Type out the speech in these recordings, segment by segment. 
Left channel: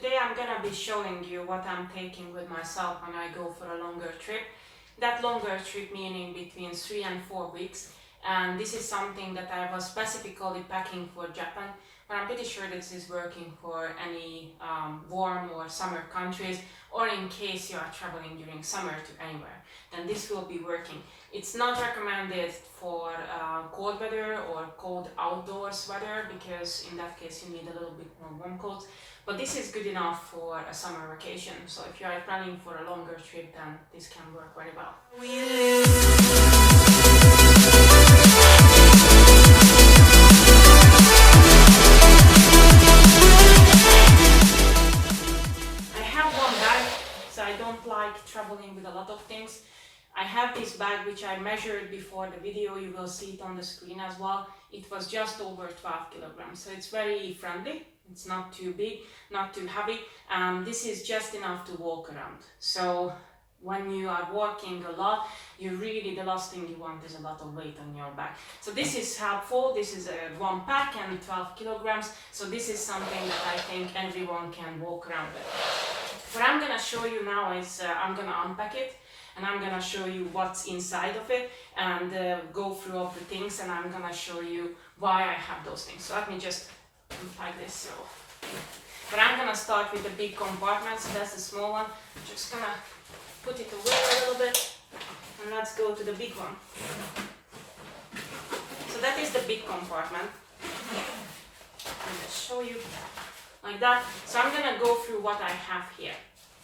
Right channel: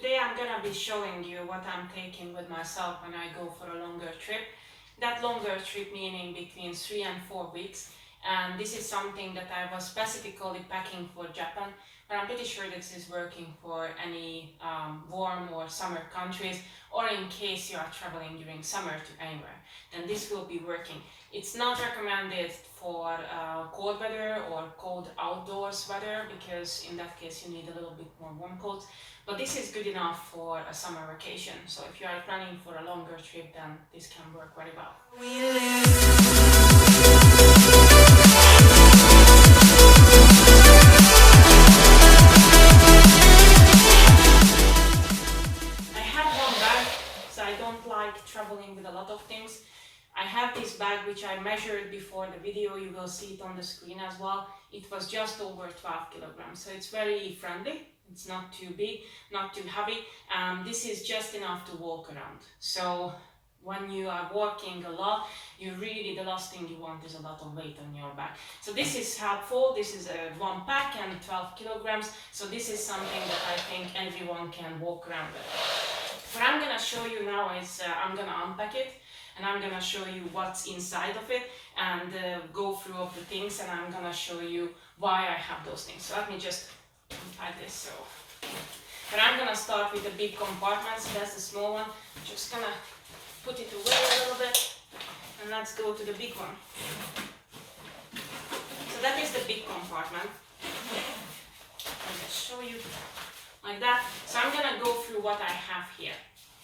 Today I'm gonna be showing you what I'm taking with myself when I go for a longer trip. That longer trip meaning between 3 and 4 weeks. And this is something that I was specifically packing for Japan, but I'm pretty sure this is working for any warm or summer countries, or in case you are traveling during summer to anywhere, then this will be working. It's not recommended for cold weather or cold outdoors weather, because in that case you need a little bit more warm clothes. But this is good enough for a summer vacation. So if you are planning for a longer trip, then this can work very well. I have one bag, so I don't like traveling with a lot of things. I have this bag which I measured before the video, you will see it on the screen as well. It was just over 12 kilograms, so it's very friendly. It's not too big, not too heavy. This is just enough to walk around. So when you are walking a lot, the last thing you want is a lot of weight on your back. So this is helpful. This is a one pack and 12 kilograms. So this is something that I think everyone can walk around with. What I'm gonna show you now is I'm gonna unpack it, and I'm gonna show you what's inside of it, and go through all the things, and I'm gonna show you why I have those things. So let me just unpack this. But I'm gonna start with the big compartment, so that's the small one. I'm just gonna put it away a little bit, and let's go to the big one. So that is the big compartment. I'm gonna show you like that. So I'm gonna go through what I have here.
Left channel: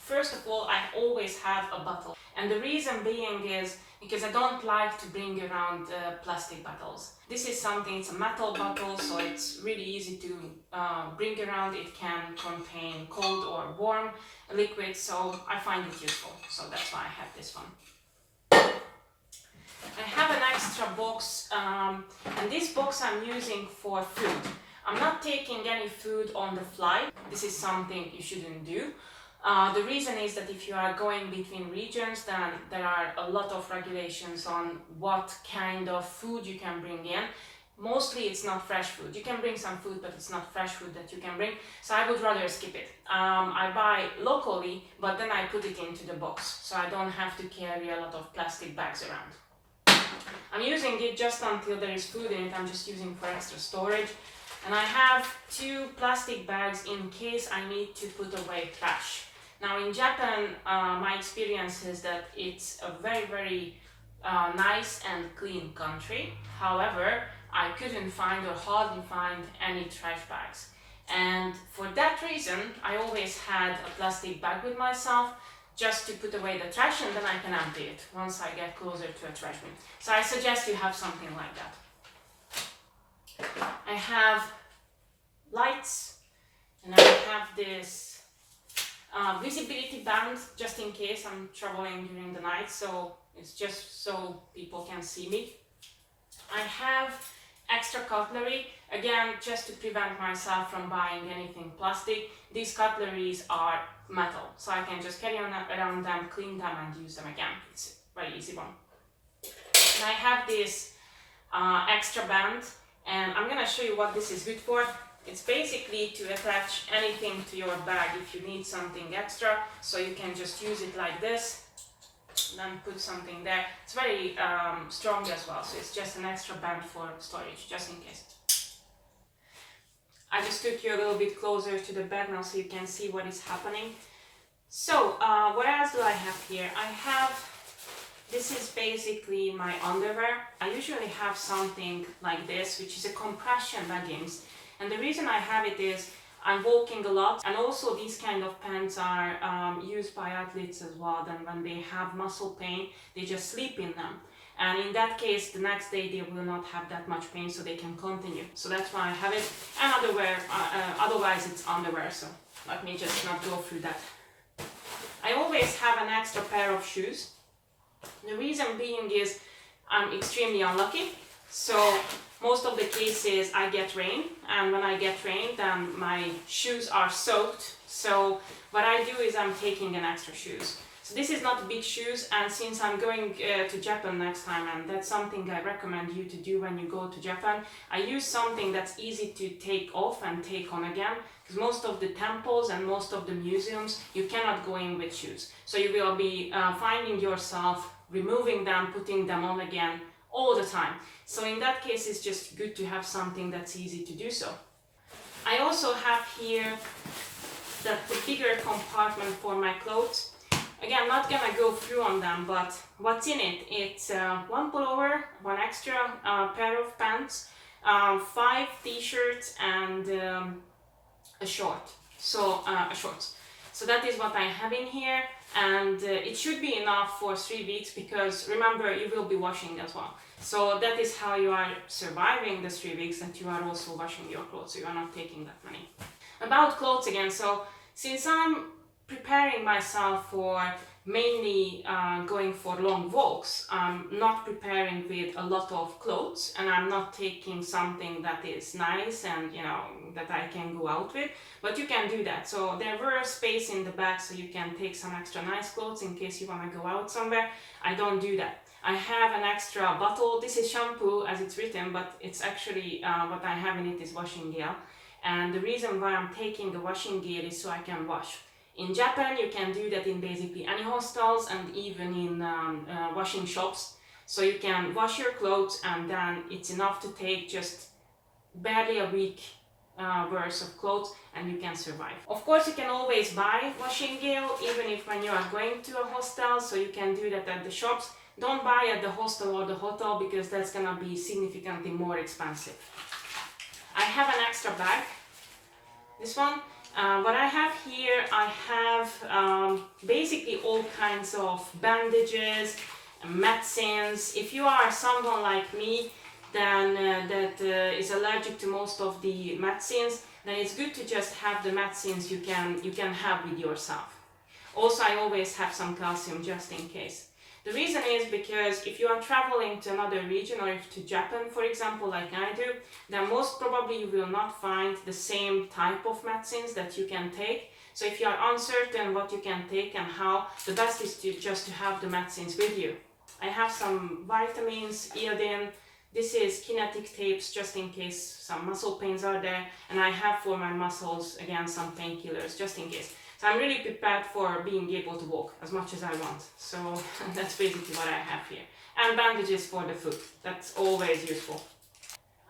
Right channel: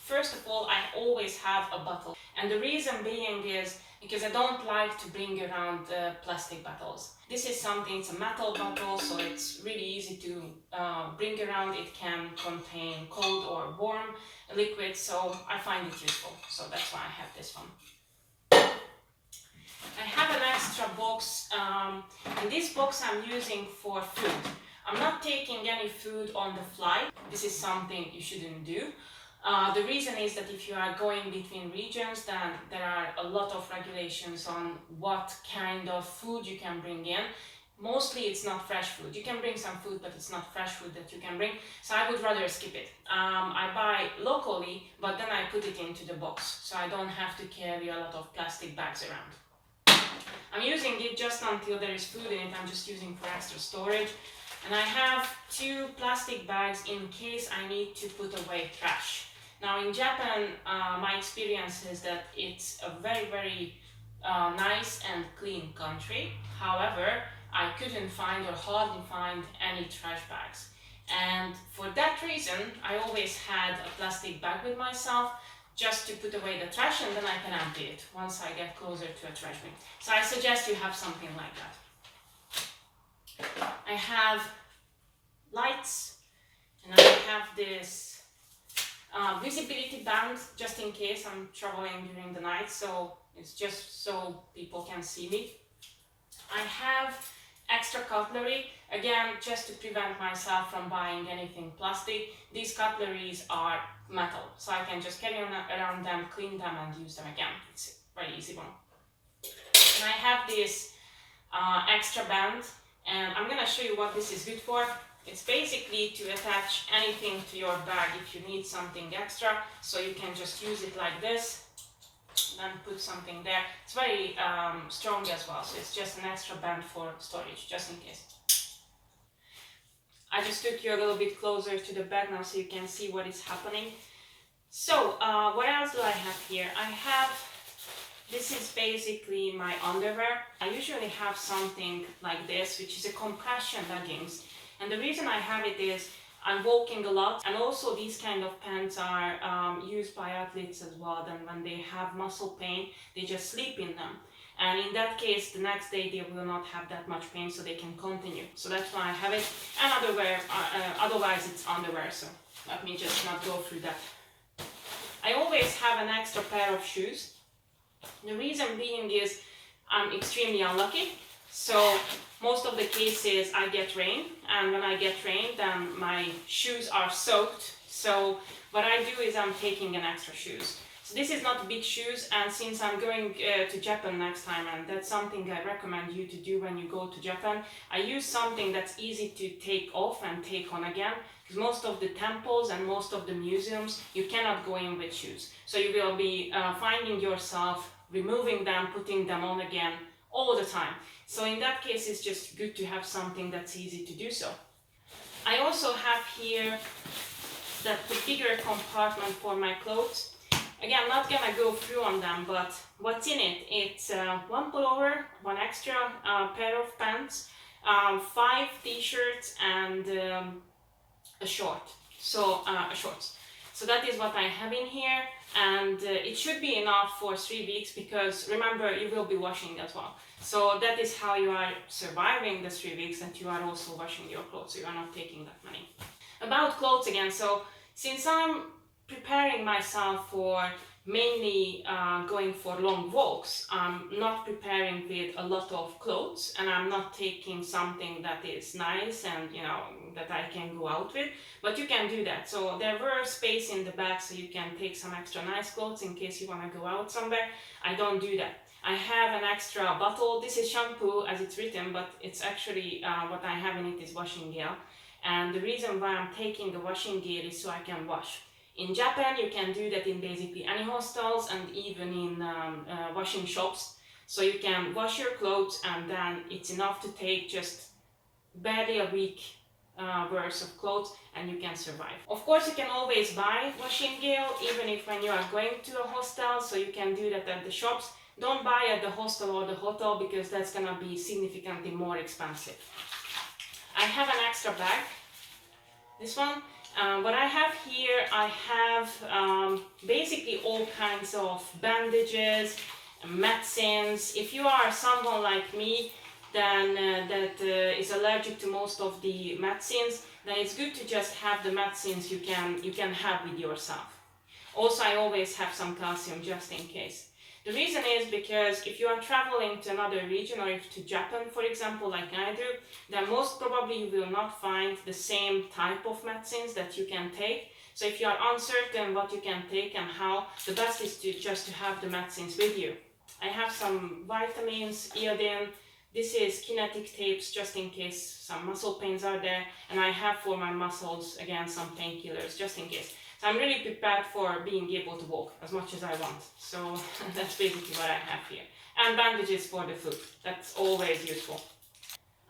First of all, I always have a bottle, and the reason being is because I don't like to bring around plastic bottles. This is something, it's a metal bottle, so it's really easy to bring around. It can contain cold or warm liquid, so I find it useful. So that's why I have this one. I have an extra box, and this box I'm using for food. I'm not taking any food on the flight. This is something you shouldn't do. The reason is that if you are going between regions, then there are a lot of regulations on what kind of food you can bring in. Mostly it's not fresh food. You can bring some food, but it's not fresh food that you can bring. So I would rather skip it. I buy locally, but then I put it into the box, so I don't have to carry a lot of plastic bags around. I'm using it just until there is food in it. I'm just using for extra storage. And I have 2 plastic bags in case I need to put away trash. Now in Japan, my experience is that it's a very nice and clean country. However, I couldn't find or hardly find any trash bags. And for that reason, I always had a plastic bag with myself just to put away the trash, and then I can empty it once I get closer to a trash bin. So I suggest you have something like that. I have lights, and I have this visibility band just in case I'm traveling during the night, so it's just so people can see me. I have extra cutlery, again just to prevent myself from buying anything plastic. These cutleries are metal, so I can just carry around them, clean them and use them again. It's a very easy one. And I have this extra band, and I'm gonna show you what this is good for. It's basically to attach anything to your bag if you need something extra, so you can just use it like this, then put something there. It's very strong as well, so it's just an extra band for storage, just in case. I just took you a little bit closer to the bag now so you can see what is happening. So what else do I have here? This is basically my underwear. I usually have something like this, which is a compression leggings. And the reason I have it is I'm walking a lot, and also these kind of pants are used by athletes as well. Then when they have muscle pain, they just sleep in them. And in that case, the next day they will not have that much pain, so they can continue. So that's why I have it. And otherwise it's underwear, so let me just not go through that. I always have an extra pair of shoes. The reason being is I'm extremely unlucky. So most of the cases I get rain, and when I get rain, then my shoes are soaked. So what I do is I'm taking an extra shoes. So this is not big shoes, and since I'm going to Japan next time, and that's something I recommend you to do when you go to Japan, I use something that's easy to take off and take on again. because most of the temples and most of the museums you cannot go in with shoes. So you will be finding yourself removing them, putting them on again all the time. So in that case, it's just good to have something that's easy to do so. I also have here the bigger compartment for my clothes. Again, not gonna go through on them, but what's in it? It's one pullover, one extra pair of pants, 5 t-shirts, and a short. So a shorts. So that is what I have in here, and it should be enough for 3 weeks, because remember, you will be washing as well. So that is how you are surviving the 3 weeks, that you are also washing your clothes, so you are not taking that many. About clothes again, so since I'm preparing myself for mainly going for long walks, I'm not preparing with a lot of clothes, and I'm not taking something that is nice and that I can go out with, but you can do that. So there were space in the bag, so you can take some extra nice clothes in case you want to go out somewhere. I don't do that. I have an extra bottle. This is shampoo as it's written, but it's actually what I have in it is washing gel. And the reason why I'm taking the washing gel is so I can wash. In Japan, you can do that in basically any hostels and even in washing shops. So you can wash your clothes, and then it's enough to take just barely a week worth of clothes, and you can survive. Of course, you can always buy washing gel, even if when you are going to a hostel, so you can do that at the shops. Don't buy at the hostel or the hotel, because that's gonna be significantly more expensive. I have an extra bag, this one. What I have here, I have basically all kinds of bandages, medicines. If you are someone like me, then that is allergic to most of the medicines, then it's good to just have the medicines you can have with yourself. Also, I always have some calcium just in case. The reason is because if you are traveling to another region, or if to Japan, for example, like I do, then most probably you will not find the same type of medicines that you can take. So if you are uncertain what you can take and how, the best is just to have the medicines with you. I have some vitamins, iodine. This is kinetic tapes, just in case some muscle pains are there. And I have for my muscles, again, some painkillers, just in case. So I'm really prepared for being able to walk as much as I want. So that's basically what I have here. And bandages for the foot. That's always useful.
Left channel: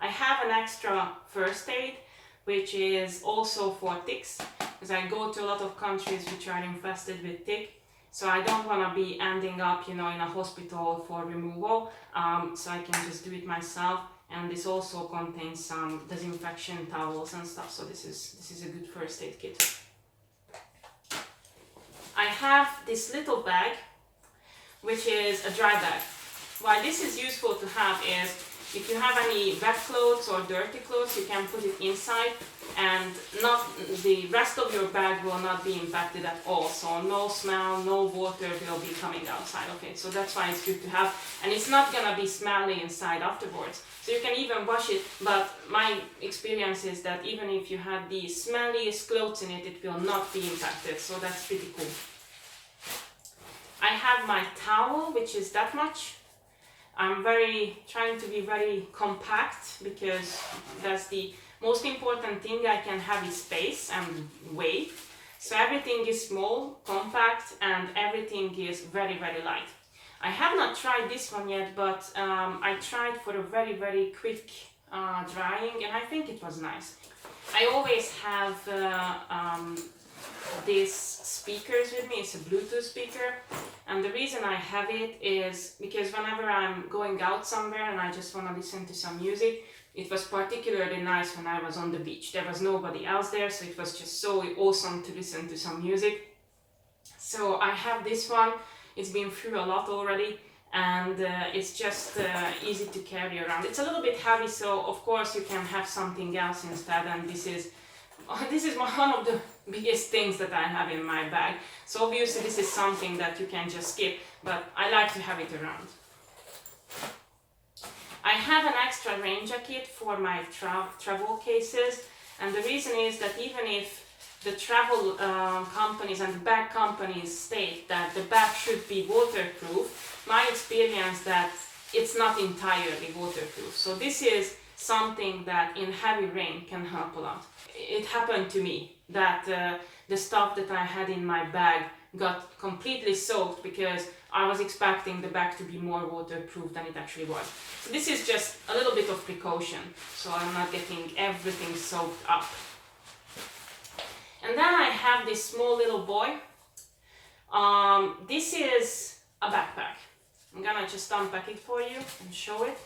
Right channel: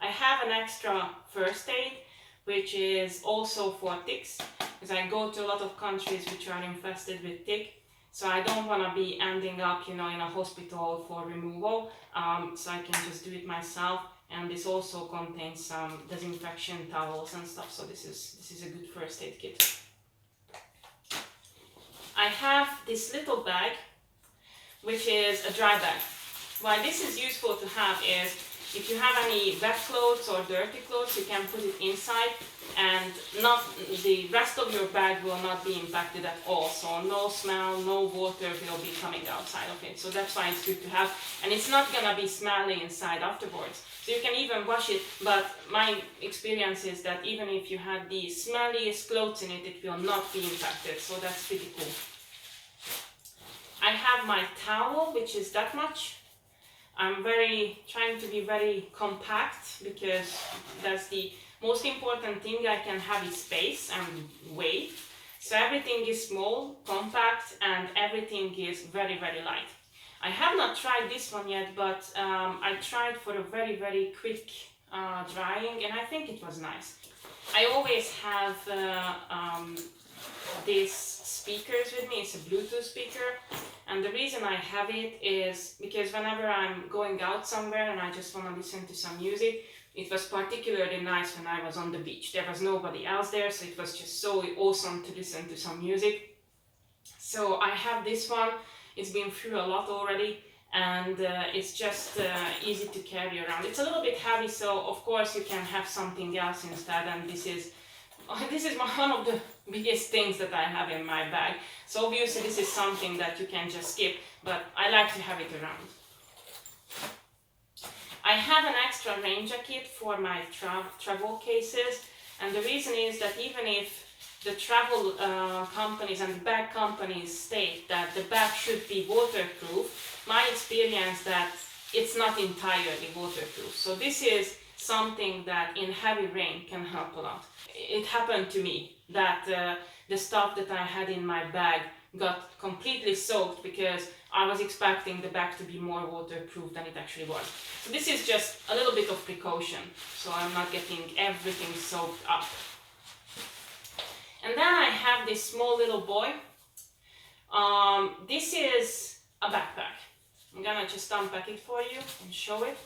I have an extra first aid, which is also for ticks, because I go to a lot of countries which are infested with tick. So I don't want to be ending up, in a hospital for removal. So I can just do it myself. And this also contains some disinfection towels and stuff. So this is a good first aid kit. I have this little bag, which is a dry bag. Why this is useful to have is if you have any wet clothes or dirty clothes, you can put it inside, and the rest of your bag will not be impacted at all. So no smell, no water will be coming outside of it. So that's why it's good to have, and it's not gonna be smelly inside afterwards. So you can even wash it, but my experience is that even if you have the smelliest clothes in it, it will not be impacted. So that's pretty cool. I have my towel, which is that much. I'm trying to be very compact, because that's the most important thing I can have is space and weight. So everything is small, compact, and everything is very, very light. I have not tried this one yet, but I tried for a very, very quick drying, and I think it was nice. I always have these speakers with me. It's a Bluetooth speaker, and the reason I have it is because whenever I'm going out somewhere and I just want to listen to some music, it was particularly nice when I was on the beach. There was nobody else there, so it was just so awesome to listen to some music. So I have this one. It's been through a lot already, and it's just easy to carry around. It's a little bit heavy, so of course you can have something else instead, and this is one of the biggest things that I have in my bag. So obviously this is something that you can just skip, but I like to have it around. I have an extra rain jacket for my travel cases, and the reason is that even if the travel companies and the bag companies state that the bag should be waterproof, my experience that it's not entirely waterproof. So this is something that in heavy rain can help a lot. It happened to me. that the stuff that I had in my bag got completely soaked because I was expecting the bag to be more waterproof than it actually was. So this is just a little bit of precaution, so I'm not getting everything soaked up. And then I have this small little boy. This is a backpack. I'm gonna just unpack it for you and show it.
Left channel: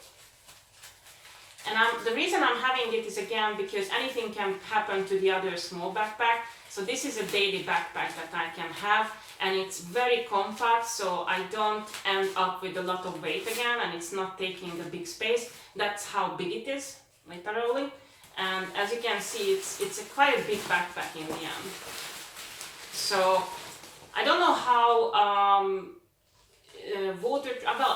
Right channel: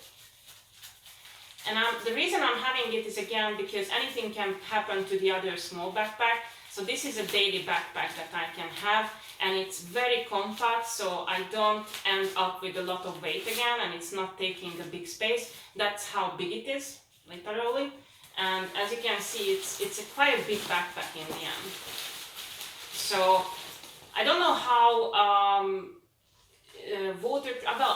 And the reason I'm having it is again because anything can happen to the other small backpack. So this is a daily backpack that I can have, and it's very compact, so I don't end up with a lot of weight again, and it's not taking a big space. That's how big it is, literally. And as you can see, it's quite a big backpack in the end. So I don't know how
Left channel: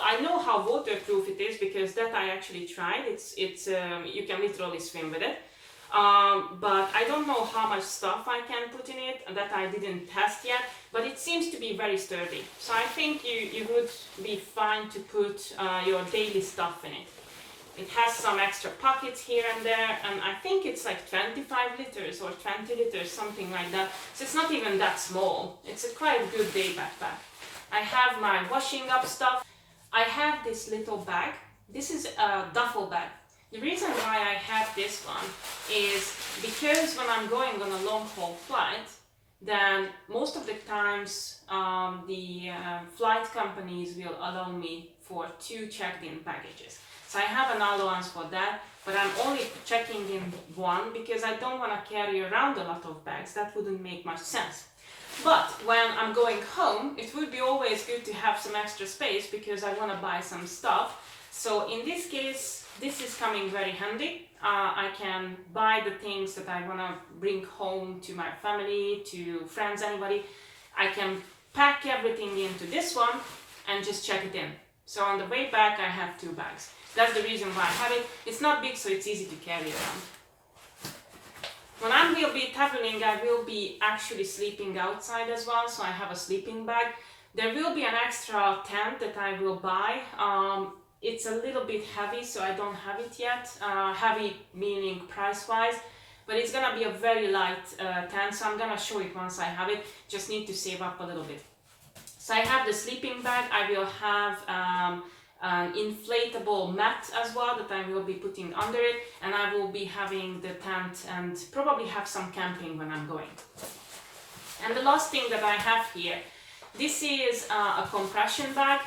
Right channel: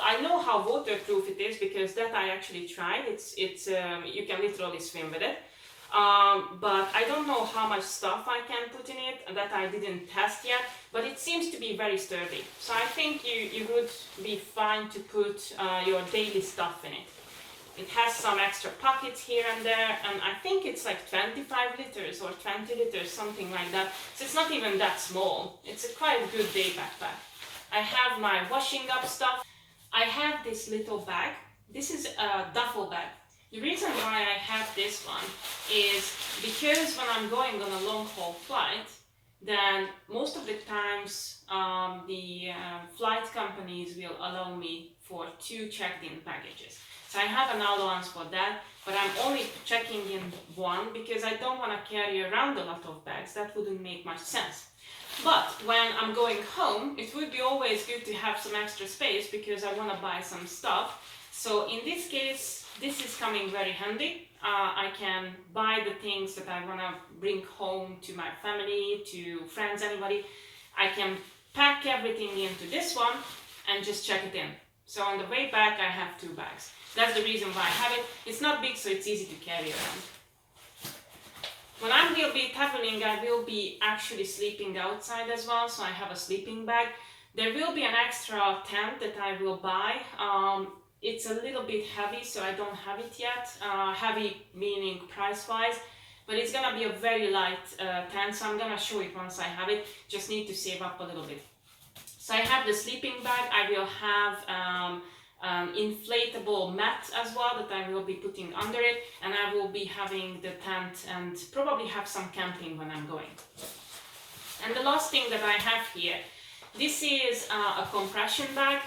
I know how waterproof it is because that I actually tried. You can literally swim with it. But I don't know how much stuff I can put in it, and that I didn't test yet, but it seems to be very sturdy. So I think you would be fine to put your daily stuff in it. It has some extra pockets here and there, and I think it's like 25 liters or 20 liters, something like that. So it's not even that small. It's a quite good day backpack. I have my washing up stuff. I have this little bag. This is a duffel bag. The reason why I have this one is because when I'm going on a long haul flight, then most of the times the flight companies will allow me for 2 checked-in packages. So I have an allowance for that, but I'm only checking in 1 because I don't want to carry around a lot of bags. That wouldn't make much sense. But when I'm going home, it would be always good to have some extra space because I want to buy some stuff. So in this case, this is coming very handy. I can buy the things that I want to bring home to my family, to friends, anybody. I can pack everything into this one and just check it in. So on the way back, I have 2 bags. That's the reason why I have it. It's not big, so it's easy to carry around. When I will be traveling, I will be actually sleeping outside as well, so I have a sleeping bag. There will be an extra tent that I will buy. It's a little bit heavy, so I don't have it yet. Heavy meaning price-wise, but it's gonna be a very light tent, so I'm gonna show it once I have it. Just need to save up a little bit. So I have the sleeping bag. I will have an inflatable mat as well that I will be putting under it, and I will be having the tent and probably have some camping when I'm going. And the last thing that I have here, this is a compression bag,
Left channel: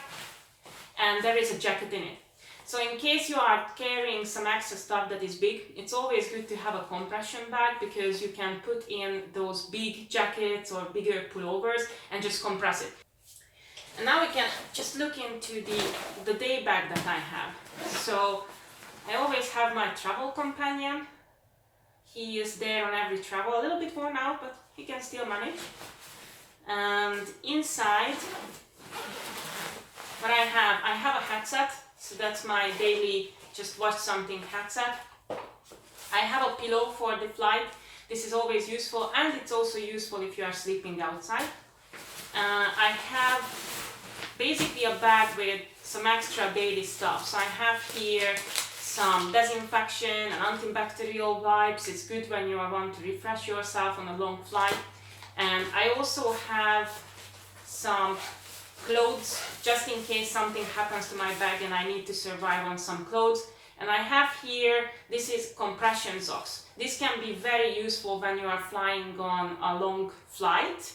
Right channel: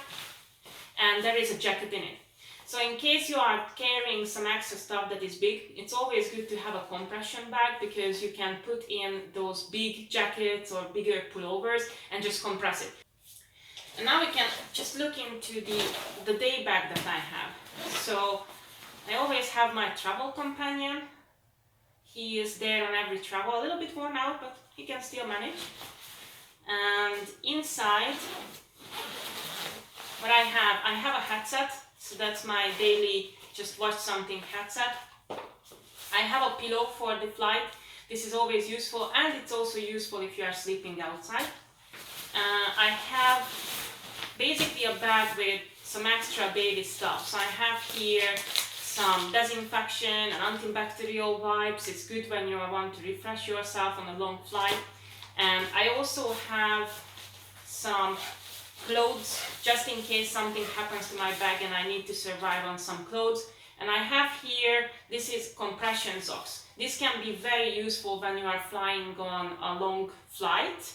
and there is a jacket in it. So in case you are carrying some extra stuff that is big, it's always good to have a compression bag because you can put in those big jackets or bigger pullovers and just compress it. And now we can just look into the day bag that I have. So I always have my travel companion. He is there on every travel, a little bit worn out, but he can still manage. And inside, what I have a headset. So that's my daily just watch something headset. I have a pillow for the flight. This is always useful, and it's also useful if you are sleeping outside. I have basically a bag with some extra daily stuff. So I have here some disinfection and antibacterial wipes. It's good when you want to refresh yourself on a long flight. And I also have some clothes just in case something happens to my bag and I need to survive on some clothes. And I have here, this is compression socks. This can be very useful when you are flying on a long flight.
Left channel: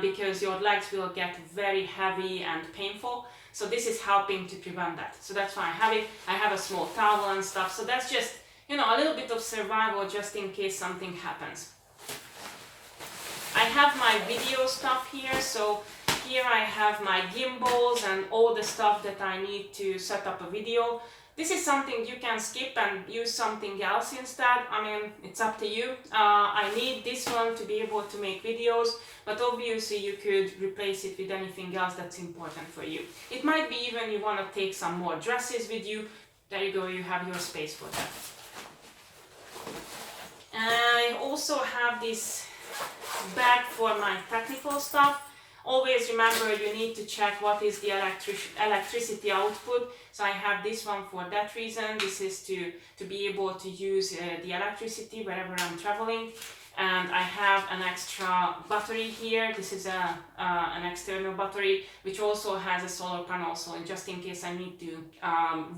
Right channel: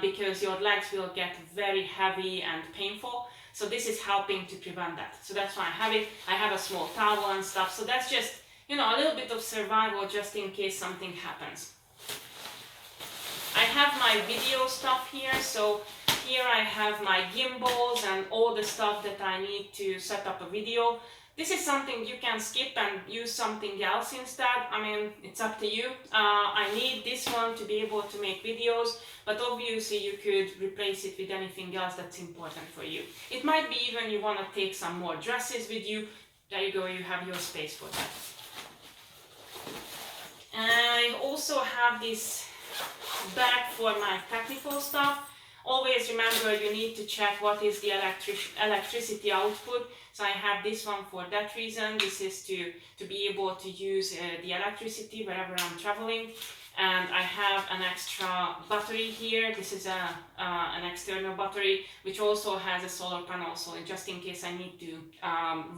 Because your legs will get very heavy and painful. So this is helping to prevent that. So that's why I have it. I have a small towel and stuff. So that's just, a little bit of survival just in case something happens. I have my video stuff here. So here I have my gimbals and all the stuff that I need to set up a video. This is something you can skip and use something else instead. I mean, it's up to you. I need this one to be able to make videos, but obviously you could replace it with anything else that's important for you. It might be even you want to take some more dresses with you. There you go, you have your space for that. I also have this bag for my technical stuff. Always remember you need to check what is the electricity output. So I have this one for that reason. This is to be able to use the electricity wherever I'm traveling. and I have an extra battery here. This is an external battery which also has a solar panel, so just in case I need to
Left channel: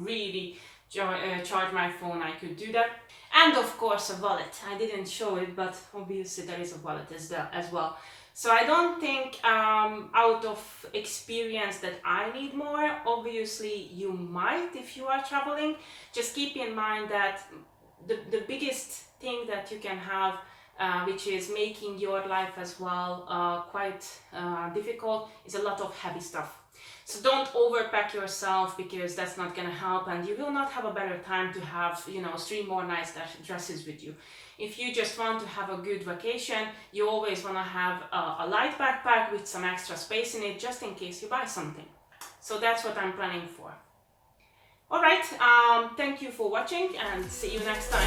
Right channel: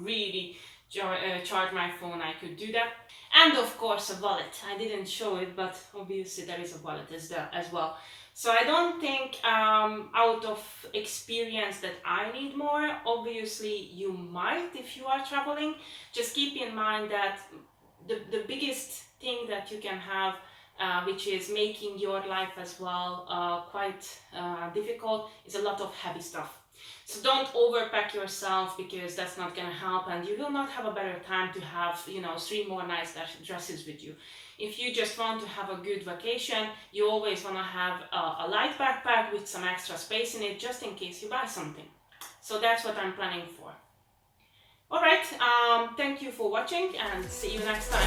really charge my phone, I could do that. And of course a wallet. I didn't show it, but obviously there is a wallet as well. So I don't think out of experience that I need more. Obviously you might if you are traveling. Just keep in mind that the biggest thing that you can have, which is making your life as well quite difficult, is a lot of heavy stuff. So don't overpack yourself, because that's not gonna help, and you will not have a better time to have, you know, 3 more nice dresses with you. If you just want to have a good vacation, you always want to have a light backpack with some extra space in it, just in case you buy something. So that's what I'm planning for. Alright, thank you for watching, and see you next time.